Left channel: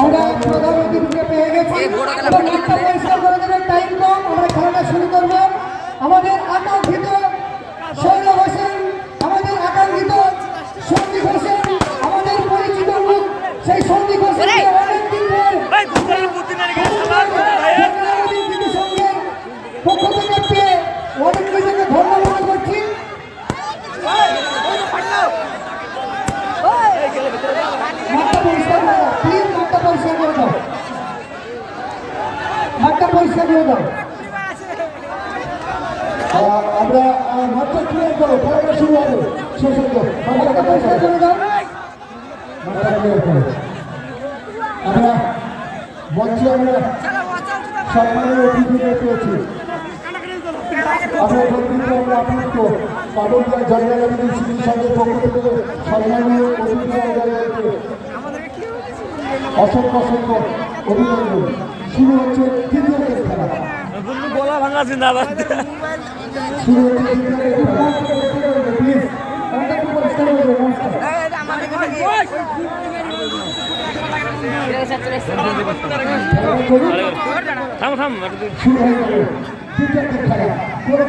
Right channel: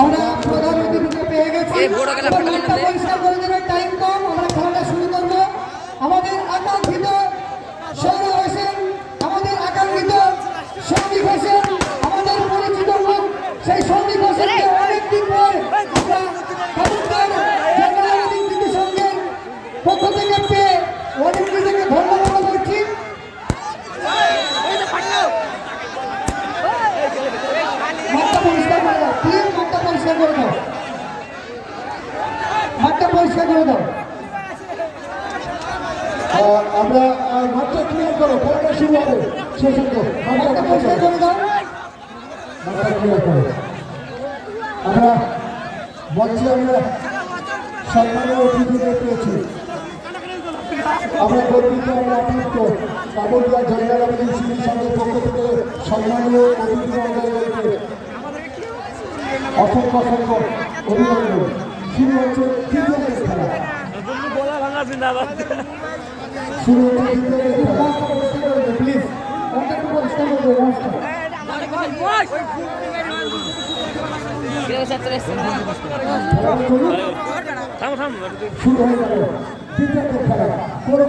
আমরা প্রধান অতিথিকে পেয়ে গেছি। এবার মাঠটা পরিষ্কার করে দেবেন, টাইম কম, আমরা খেলাটা শুরু করব। আমাদের আকাঙ্ক্ষিত সৌরভ হোসেন, আমাদের আকাঙ্ক্ষিত সৌমিক হোসেন, আমাদের পরিচিত মুখ সেই সৌমিক হোসেনকে অনেকদিন সঙ্গে পক্ষ থেকে পেয়ে অনেক নিজেকে ধন্য মনে করছি। মাঠটা পরিষ্কার করে দাও প্লিজ, মাঠটা পরিষ্কার করে দাও, মাঠটা পরিষ্কার করে দাও। আমরা মাঠটা ক্লিয়ার করো, খেলাটা শুরু হবে। মাঠটা পরিষ্কার করে দাও। আমরা বলছি আমরা সম্মানের অতিথিদের পেয়েছি, আমরা গর্বিত, আমরা আপ্লুত। পাবলিয়া জয়গালী স্মৃতি সংঘের পক্ষ থেকে সম্মানীয় অতিথিদেরকে অসংখ্য অসংখ্য অভিনন্দন। শুরু হচ্ছে তৃতীয় খেলা, শুরু হচ্ছে প্লিজ আমাকে একটু পরিষ্কার করে দেবো। শুরু হয়ে গেল তৃতীয় খেলা, কোনো